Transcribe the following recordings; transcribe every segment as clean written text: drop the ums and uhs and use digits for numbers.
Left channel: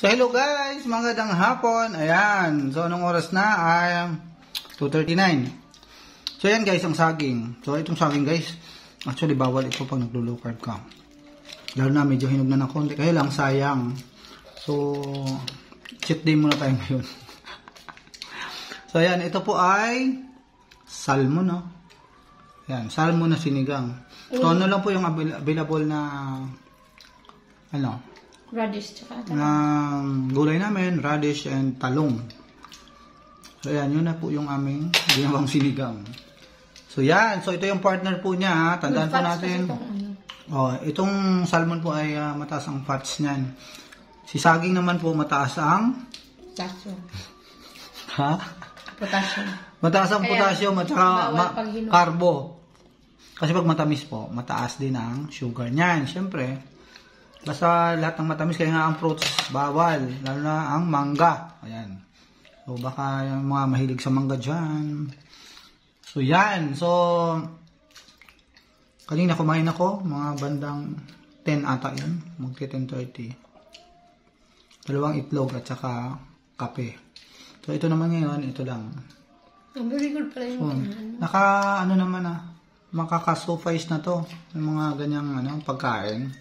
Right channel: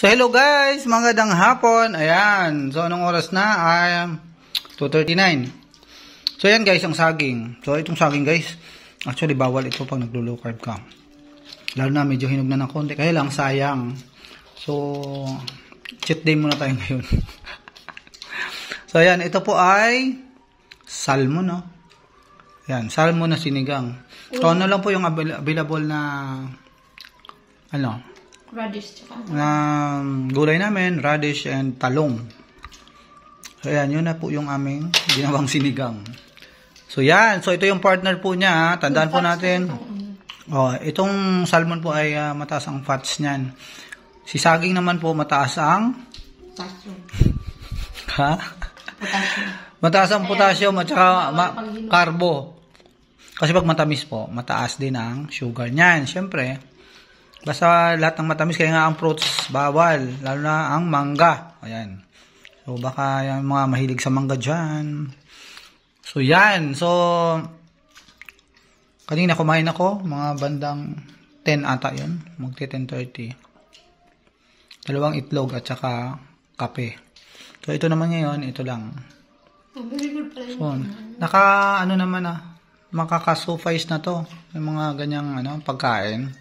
So hello guys, magandang hapon. Ayan, so anong oras na? Ay 2:39. So ayan guys, ang saging. So itong saging guys, actually bawal ito pag naglo-low carb ka. Lalo na medyo hinog na ng konti, kaya lang sayang. So cheat day muna tayo ngayon. So ayan, ito po ay salmon, no? Ayan, salmon na sinigang. So ano lang po yung available na radish tsaka gulay namin, radish and talong. So ayan, yun na po yung aming ginawang sinigang. So yan, so ito yung partner po niya, tandaan po natin. Itong salmon po ay mataas ang fats niyan. Si saging naman po mataas ang potassium. Ha? Potassium. Mataas ang potassium at saka carbo. Kasi pag matamis po, mataas din ang sugar niyan. Siyempre, basta lahat ng matamis, kaya nga ang fruits bawal, lalo na ang mangga. Ayan. So baka yung mga mahilig sa mangga dyan. So yan. So kanina kumain ako, mga bandang 10 ata yun. Magti 10:30. Dalawang itlog at saka kape. So ito naman ngayon, ito lang. Very good pala yun. So, makaka-suffice na to. Yung mga ganyang pagkain.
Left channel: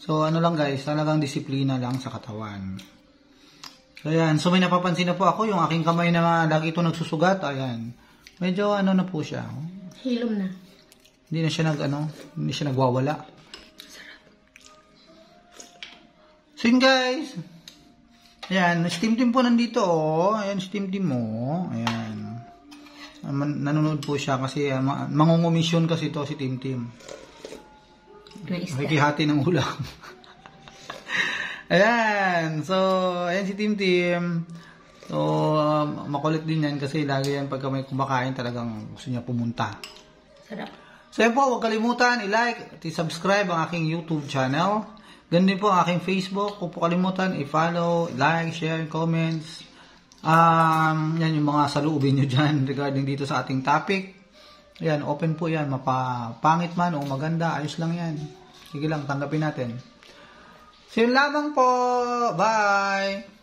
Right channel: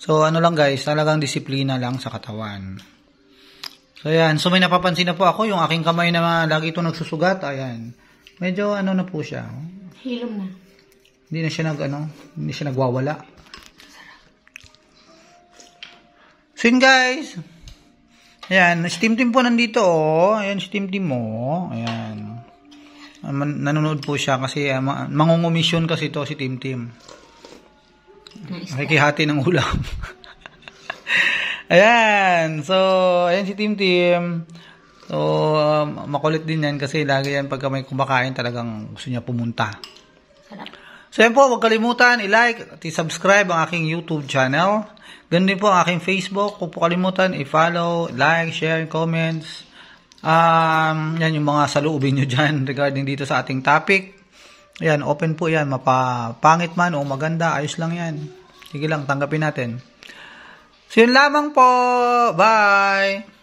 So, lang guys, talagang disiplina lang sa katawan. So, ayan. So, may napapansin na po ako, yung aking kamay na lagi ito nagsusugat, ayan. Medyo na po siya. Hilom na. Hindi na siya hindi siya nagwawala. So, yun guys. Ayan, steam team po nandito, oh. Ayan, steam team mo. Ayan. Nanonood po siya kasi mangungumisyon kasi ito si Team Team. Nakikihati ng ulam. Ayan. So, ayan si Team Team. So, makulit din yan kasi lagi yan pagka may kumakain talagang gusto niya pumunta. Sarap. So, yan po. Huwag kalimutan i-like at i-subscribe ang aking YouTube channel. Ganun din po ang aking Facebook. Huwag po kalimutan i-follow, like, share, comments. Yan yung mga saloobin nyo dyan regarding dito sa ating topic. Ayan, open po yan. Mapapangit man o maganda, ayos lang yan. Sige lang, tanggapin natin. So yun lamang po. Bye!